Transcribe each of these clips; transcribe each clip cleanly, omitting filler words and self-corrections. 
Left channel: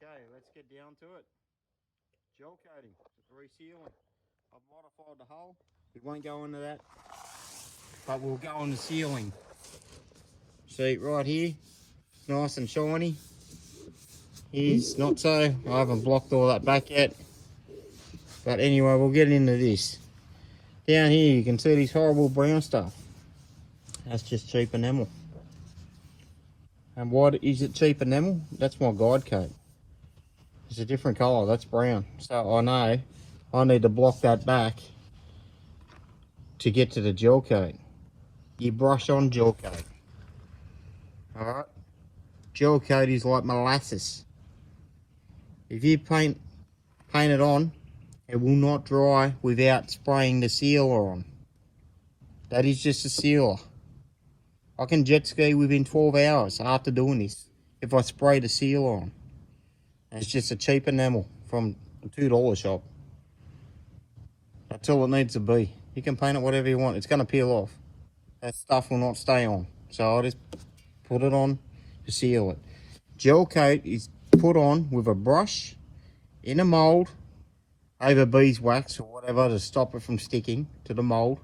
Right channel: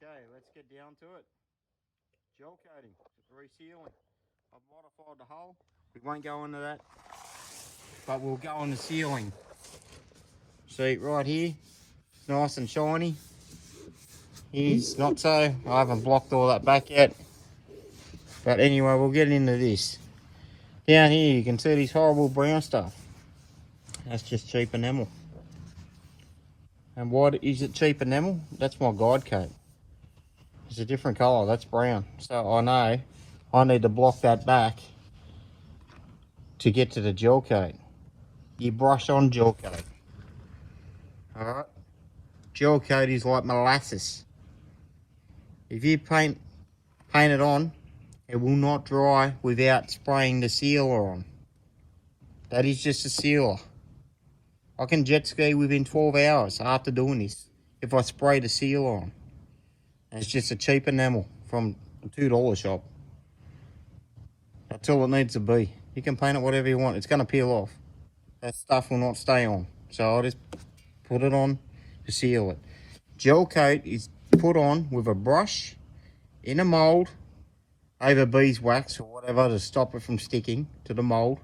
Okay, let's get down to it. Gel coating, resealing. I've modified the hull. We won't go into that, but we'll go on the sealing. See right here, nice and shiny. Here's not so. I haven't blocked all that back yet. But anyway, we'll get into this. Down here you can see this horrible brown stuff. That's just cheap enamel. And what is it, cheap enamel? That's my guide coat. It's a different colour, that's brown. So I know I need to block that back to get to the gel coat. You brush on gel coat. Alright? Gel coat is like molasses. If you paint it on, it will not dry without spraying the sealer on. That is just a sealer. I can jet ski within 12 hours after doing this if I spray the sealer on. It's just a cheap enamel from a $2 shop. That's all it needs to be. You can paint it whatever you want. It's going to peel off. That stuff will not stay on. So I'll just put it on to seal it. Gel coat is put on with a brush in a mould over beeswax or whatever to stop it from sticking to the mould.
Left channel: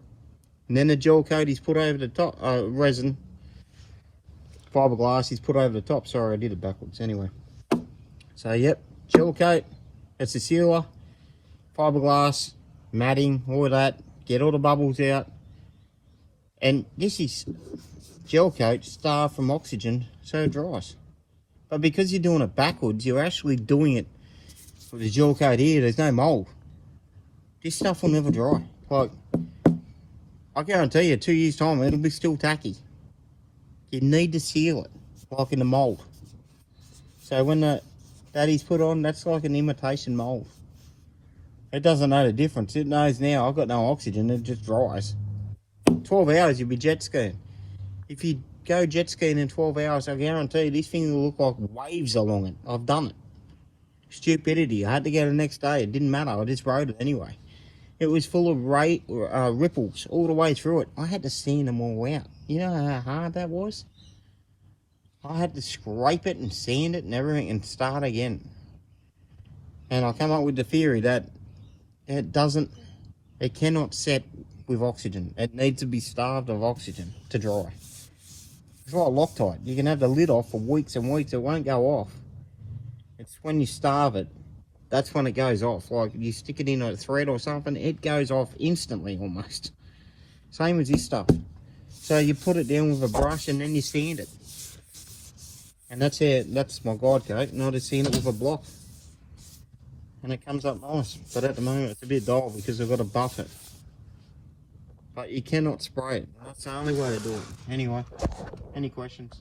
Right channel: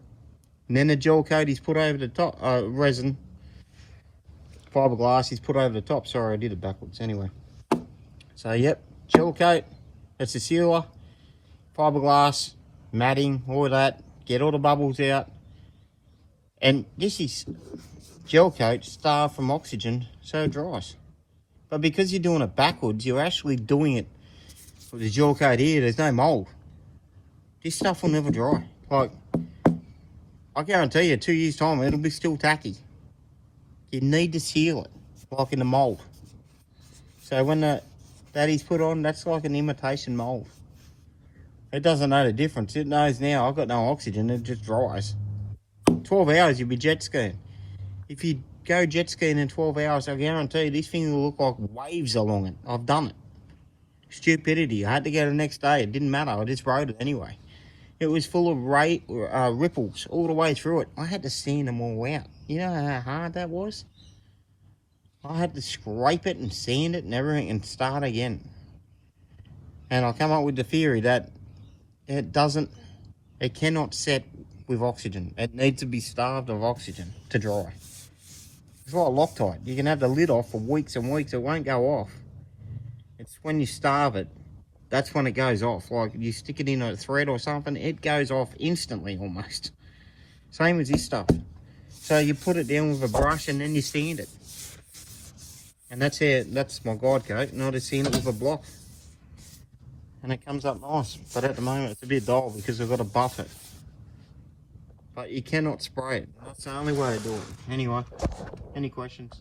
And then the gel coat is put over the top, resin, fibreglass is put over the top. Sorry, I did it backwards anyway. So yep, gel coat, it's a sealer, fibreglass, matting, all of that, get all the bubbles out. And this is gel coat starved from oxygen, so it dries. But because you're doing it backwards, you're actually doing it with the gel coat here, there's no mould. This stuff will never dry. Like, I guarantee you, 2 years time, it'll be still tacky. You need to seal it, like in the mould. So when that is put on, that's like an imitation mould. It doesn't know the difference. It knows now I've got no oxygen, it just dries. 12 hours you'll be jet skiing. If you go jet skiing in 12 hours, I guarantee you this thing will look like waves along it. I've done it. Stupidity. I had to go the next day. It didn't matter. I just rode it anyway. It was full of ripples all the way through it. I had to sand them all out. You know how hard that was? I had to scrape it and sand it and everything and start again. And I come up with the theory that it cannot set with oxygen. It needs to be starved of oxygen to dry. It's like Loctite. You can have the lid off for weeks and weeks. It won't go off. It's when you starve it, that's when it goes off. Like you stick it in a thread or something, it goes off instantly almost. Same as this stuff. So you put it down with a brush and then you sand it. And that's my guide coat, and I just sand it with a block. And it comes up nice. But at the moment it's a bit dull because I've got to buff it. But you cannot spray it. That's the only way to do it. Anyway, any questions?